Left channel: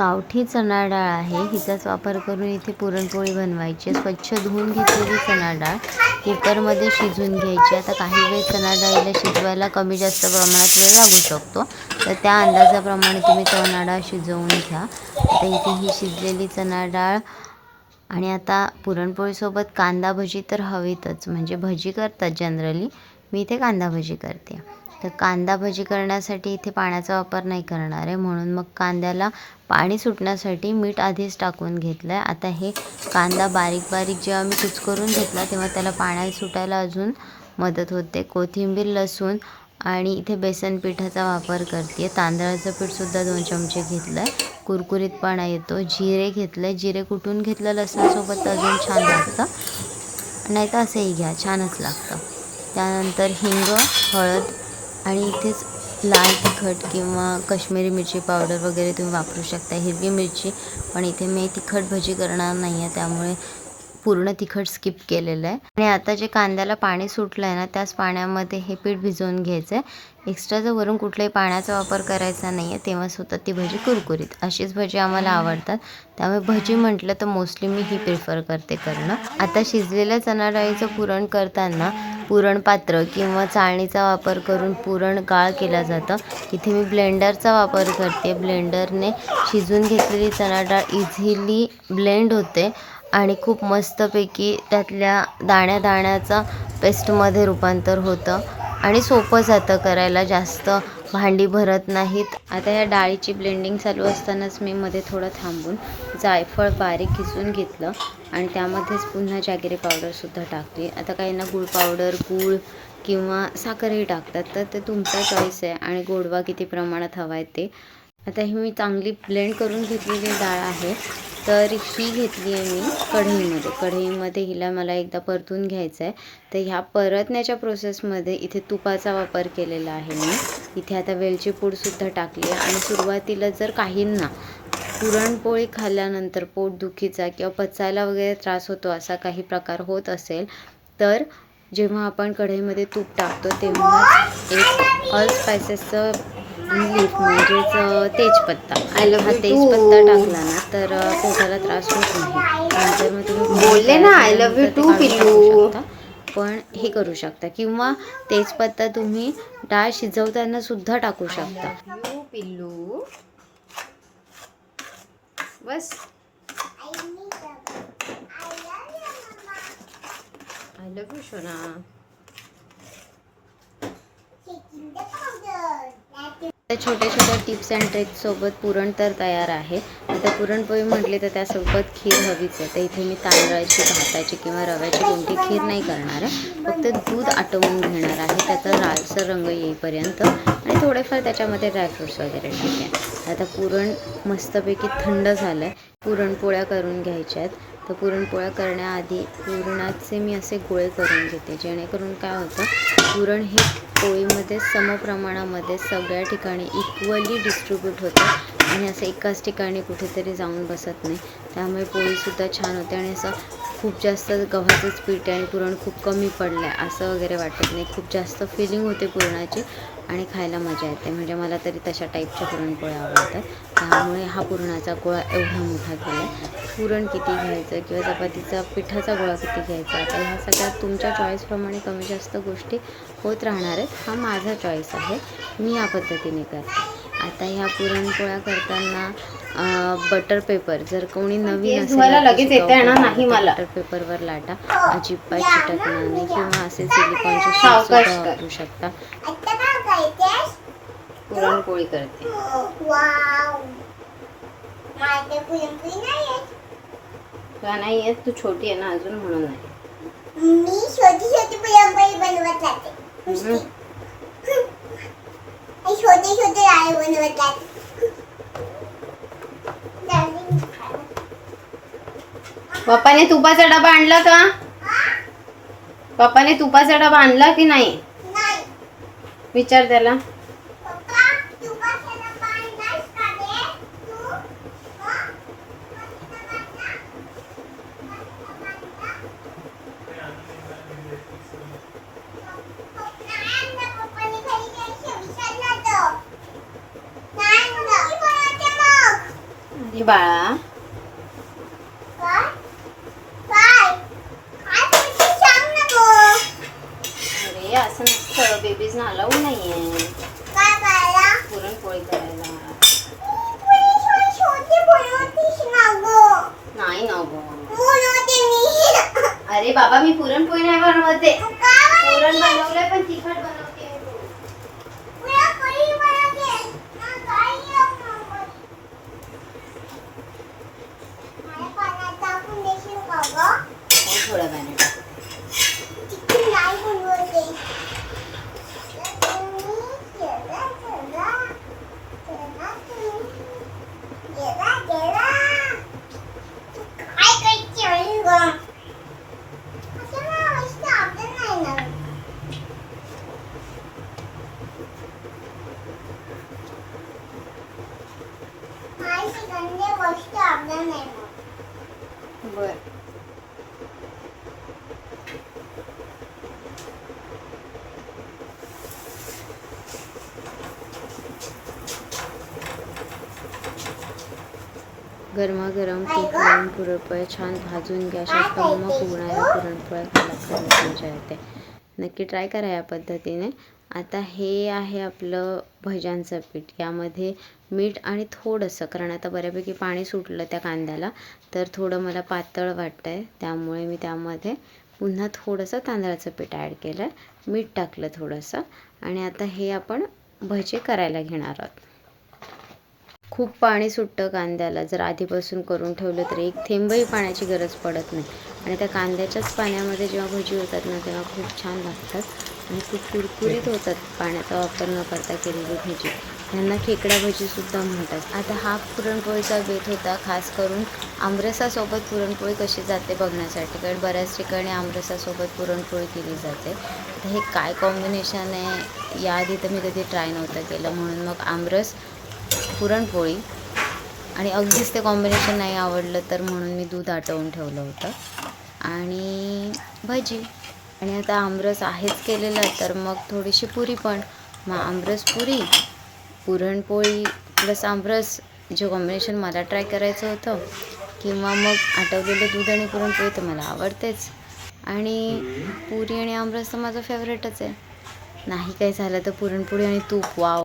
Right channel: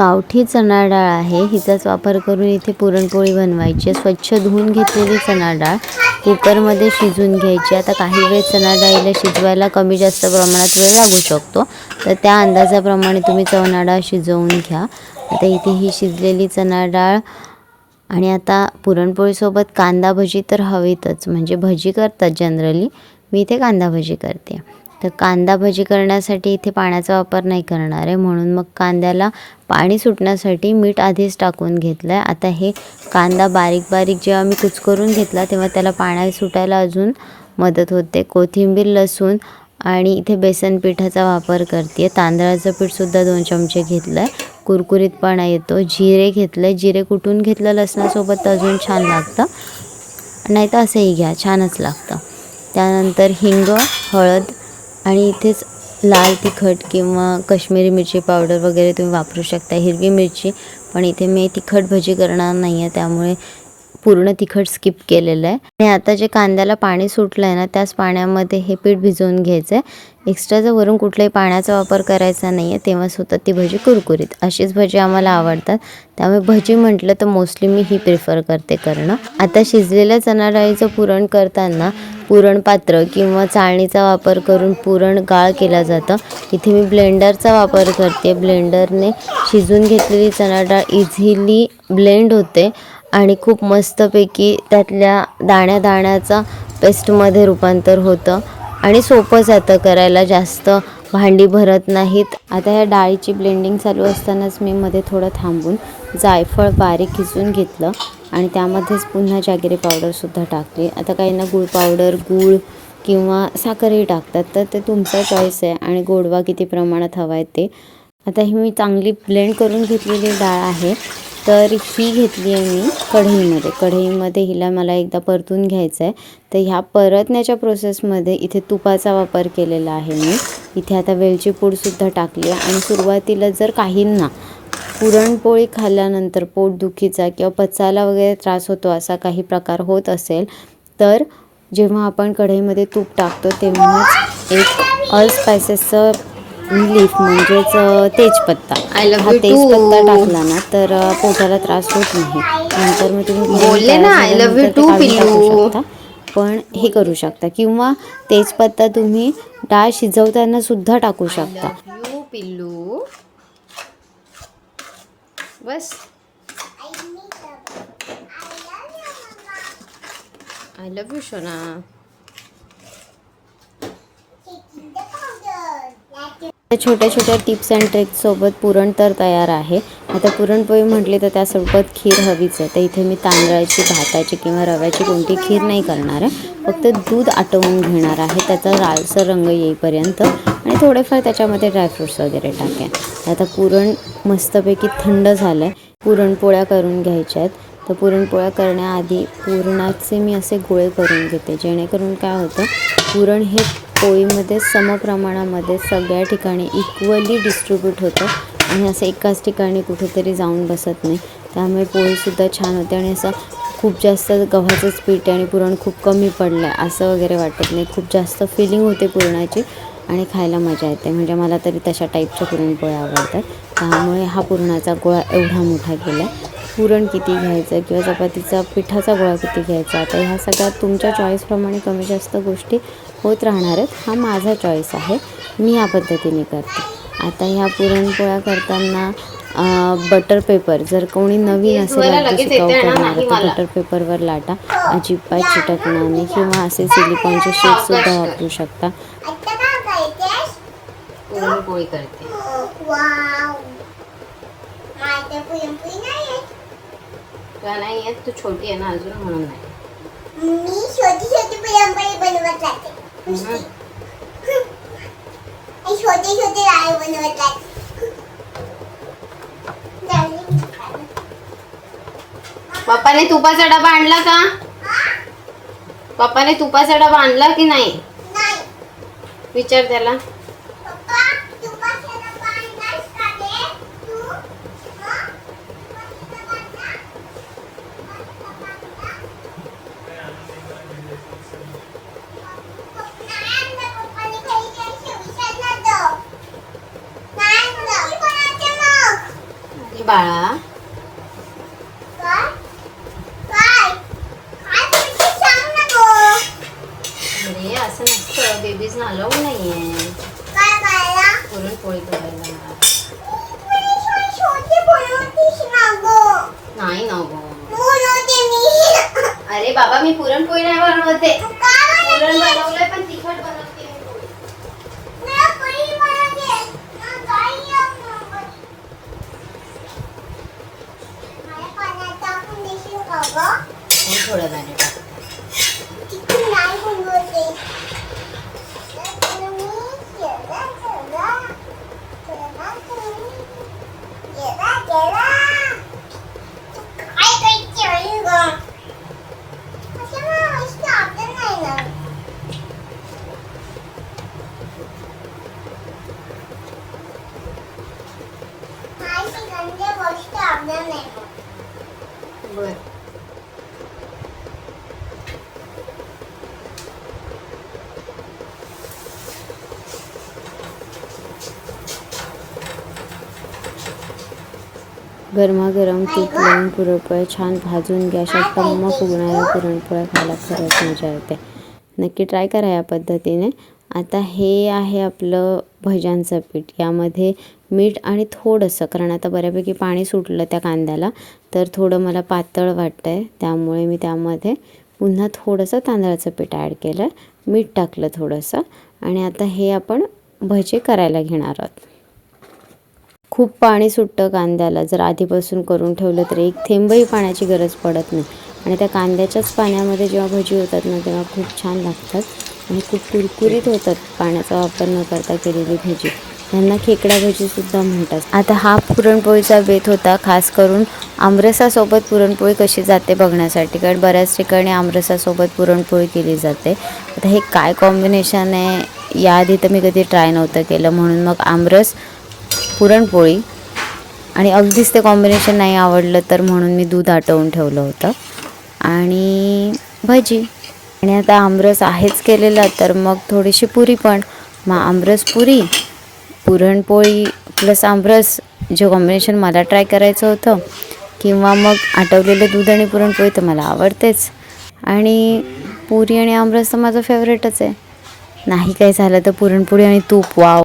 गावठी चणा डाळ आहे, हिचाच वापर करून इथे पुरणपोळी बनवायची. स्वच्छ धुवून घेतलेली चणा डाळ कुकरमध्ये शिजवून घ्यायची. आता काही वेळ चणा डाळीला शिजवायला कमी जास्त प्रमाणात वेळ लागू शकतो, तर त्या अंदाजाप्रमाणे तुम्ही चणा डाळ शिजवून घ्या. आता इथे ही शिजलेली चणा डाळ आणि आता पुरणपोळीसोबत कांदा भजी तर हवीतच, म्हणजे भजी करतात जनरली, मी इथे कांदा भजी करते. तर कांदा भजी करण्यासाठी इथे पाण्याचा वापर नाही करणार आहे, म्हणून मग कांद्याला पाणी सुटण्यासाठी मीठ आधीच टाकून घेतलं आहे. आता हे कांदा बारीक बारीक जेव्हा मी कुचकरून घेतला तेव्हा त्याला पाणी सुटायला अजून मदत होते. कोथिंबीर, लसूण आणि इथे बेसन पिठाचा वापर करते. तांदळाचं पीठसुद्धा 2 चमचे घेतलं आहे, कुरकुरीतपणा येतो. जिरे घेतलं आहे, जिरे कुटून घेतलं लसणासोबत तर अजून छान लागतं, नाही तर असंही घ्या, छानच लागतं. त्यानंतर हिंग, हळद आणि इथेच लाल तिखट किंवा काश्मीरी मिरची पावडर वगैरे तुम्ही वापरू शकता, हिरवी मिरची. पण इथे मी तिखट भजी करणार नाही आहे, त्यामुळे पूर्ण तिखट स्किप केलेलं आहे. आणि आता जे कांद्याला पाणी सुटलं आहे ना, त्याच पाण्यामध्ये हे पीठ भिजवून घ्यायचं आहे. एक्स्ट्राचा वरून कुठल्याही पाण्याचा वापर करायचा नाही आहे, तेव्हाच होतं ती भजी कुरकुरीत. अशीच भजी आम्हाला आवडतात, त्यामुळे भजी म्हटलं तर मोस्टली मी ही प्रिफर करते करणं. आता शिजलेल्या चणा डाळीचं पुरण करताना पुरणपात्र किंवा चाळणीचा वापर करून पुरण गाळ केला जातं. इथे मी ब्लेंडरचा वापर करते. ब्लेंडरने शिजून घेतलेली चणा डाळ इझिली ब्लेंड होते आणि खूप मस्तपैकी त्यातल्या दाण्या दाण्याचं पेस्टमध्ये रूपांतर होतं आणि सोपं जातं करायला, जास्त भांडी भरत नाहीत. आता या डाळीची ब्लेंडिंग चालू असतानाच मी मध्ये थोडं थांबून जायफळ बारीक खिसून घेतलं आणि त्यामध्येच पुन्हा जॅगरी पावडरसुद्धा टाकली. आता काहींना गूळ पावडर, गूळ किंवा साखरही टाकतात, तर ते तुमचा चॉईस आहे आणि गोडवा किती प्रमाणात हवा आहे ते. आता ही मी चांगली ब्लेंड करून घेतलेली डाळ आहे, तर ही घेतली आहे मी कढईमध्ये हिला मला एकदा परतून घ्यायचं आहे. तर ह्या परतण्याच्या प्रोसेसमध्ये इथे तुपाचा वापर केलेला आहे मी. इथे आता वेलची पूडसुद्धा टाकली आहे. आणि सुरुवातीला जर काहींना पुरणपोळी खाल्ल्यानंतर पोटदुखीचा किंवा पचायला वगैरे त्रास होतो असा काही प्रकार होत असेल, तर जेव्हा आपण कढईमध्ये तूप टाकतो तेव्हाच एक ऑल स्पायसेसचं लीफ म्हणजेच तेजपत्ता, हा तेजपत्ता टाकला ना तर पोटाला त्रास होत नाही. नंतर मग तुम्ही टाकू शकता, पण हे करू शकता, किंवा तेजपत्ता तुम्ही डाळ शिजवताना सुद्धा टाकू शकता. पिल्लू बस, आय लव्ह यू सोना. छोट्या छोट्या टिप्स अँड ट्रिक्ससोबत पुरण तर तयार आहे. आता पुरणपोळी म्हटली तर त्यासोबत खीर हवीच आहे. तर इथे मी तांदळाची, भाताची किंवा रव्याची कोणती खीर नाही करणार आहे, फक्त दूध आटवून घेणार आहे त्याचा लालसर रंग येईपर्यंत आणि थोडेफार त्याच्यामध्ये ड्रायफ्रूट्स वगैरे टाकेन. आता पुरण मस्तपैकी थंड झालं आहे, पुरणपोळ्या करून घ्यायच्या आहेत. तर पुरणपोळ्या करण्याआधी पुरणाचे मी असे गोळे करून घेते, जेणेकरून काय होतं, पुरण हे पोळीमध्ये समप्रमाणामध्ये सगळ्या ठिकाणी इक्वली डिस्ट्रीब्यूट होतं आणि असं एकाच ठिकाणी कुठेतरी जाऊन बसत नाही. त्यामुळे पोळीसुद्धा छान होते आणि असं खूप जास्त गव्हाचंच पीठ आणि पुरण खूप कमी पडलं आहे असं वगैरे वाटत नाही. खूप जास्त फिलिंग होते पुरणाची आणि खायला मजा येते. म्हणजे मला तरी तशा टाईपच्या पुरणपोळ्या आवडतात. त्यामुळे हा पुरणाचा गोळा एवढा मोठा केला आहे. पुरण किती घ्यायचं किंवा चपातीचा पिठाचा गोळा किती घ्यायचा, आता ह्या सगळ्यात तुमच्या चॉईसप्रमाणे कमी जास्त गोष्टी होत राहणार आहेत. हा माझा चॉईस आहे, मी या पद्धतीने करते. आता ह्या पुरणपोळ्या करताना बटर पेपर, जर कोणी नवीन असेल बटर पेपरवर लाटा, अजिबात चिटकणार नाही. किंवा असे सिलिकॉनचे शीटसुद्धा वापरू शकता. पुरणपोळी करते. का नाही येत, तू छोटी आहे ना अजून, म्हणून नाही. मी छोटी छोटी पुरणपोळी बनवत जाते. छोटे छोटे लाडू बनवत जाते. पप्पाने तुपाचा डबा आणला का? पप्पाने तुपाचा डबा आणला की नाही? विचार त्याला. हे बाळा काय काय काय बोलते सांग ना गो. अरे असं नसतं, बेबीज अलाउड नाहीये काय करायला पुरणपोळी करायला. छोटी बनवतीस ना गो. नाही ना गं. बनवते मी. अरे बाबा मी पुरणपोळी नाही बनवते. काय पुरण बनवलंय पण तिखट बनवते मी पोळी. पुरा पोळी बनवते ना काय मला पाण्यात टाकून देशील का गं. मी थोडं गाणं टाकते. चिकन नाही बनवते. तुम्ही केला केला केला केला केला तू काय करते आई गं. असं मला इष्ट आपलं नाही ना. माझी गंदे गोष्ट आपल्या नाही मग. बरं. गरमागरम तूप लावून पुरणपोळ्या छान भाजून घ्या. अशा टम्म फुगणाऱ्या पुरणपोळ्या खायला खरंच मजा येते. नक्की ट्राय करा या पद्धतीने. आता हे आहे आपलं भज्यांचं पीठ. यामध्ये मीठ आणि थोडंसं, कारण आता बऱ्यापैकी पाणी सुटलं त्या कांद्याला, तर थोडं मला पातळ वाटतं आहे, त्यामुळे मी त्यामध्ये पुन्हा थोडंसं तांदळाचं पीठ ॲड केलं आहे, मीठ टाकलं थोडंसं. आणि आता हे आपण भजे करायला घेणार आहोत. खूप पाणी सुटतं कांद्याला. जर आधीपासून करून ठेवलं तर एक थेंबही पाण्याची गरज पडत नाही. आणि त्या कांद्याच्याच पाण्यामध्ये जेव्हा भजी होतात ना, तेव्हा खूप छान लागतात आणि खूप कुरकुरीत होतात पाण्याचा वापर न करता केलेली भजी. ह्यांना खेकडा भजीसुद्धा म्हणतात. आता हा पुरणपोळीचा बेत होता, खास करून आमरसासोबत पुरणपोळी कशी जाते बघण्यासाठी, कारण बऱ्याच ठिकाणी आमरसासोबत पुरणपोळी केली जाते. आता हे काय कॉम्बिनेशन आहे याआधी तर मी कधी ट्राय नव्हतं केलं, म्हणून मग आमरस पुरणपोळी, आणि अगदीच ते कॉम्बिनेशन नाही आवडलं तर म्हणून मी दूध आटवून ठेवलं होतं आणि भजी. आणि आता आमरस आहेच केलेला, तर मग थोडीशी पुरी पण. मग आमरस पुरी, पुरणपोळी प्लस आमरस, जे कॉम्बिनेशन मला ट्राय करायचं होतं. किंवा मग आटवलेलं दूध आणि पुरणपोळी तर मला आवडतेच, आणि पुरी आणि आमरस तर माझं फेवरेटच आहे. नाही काही झालं तर पुरणपोळी आणि तूप, वाव.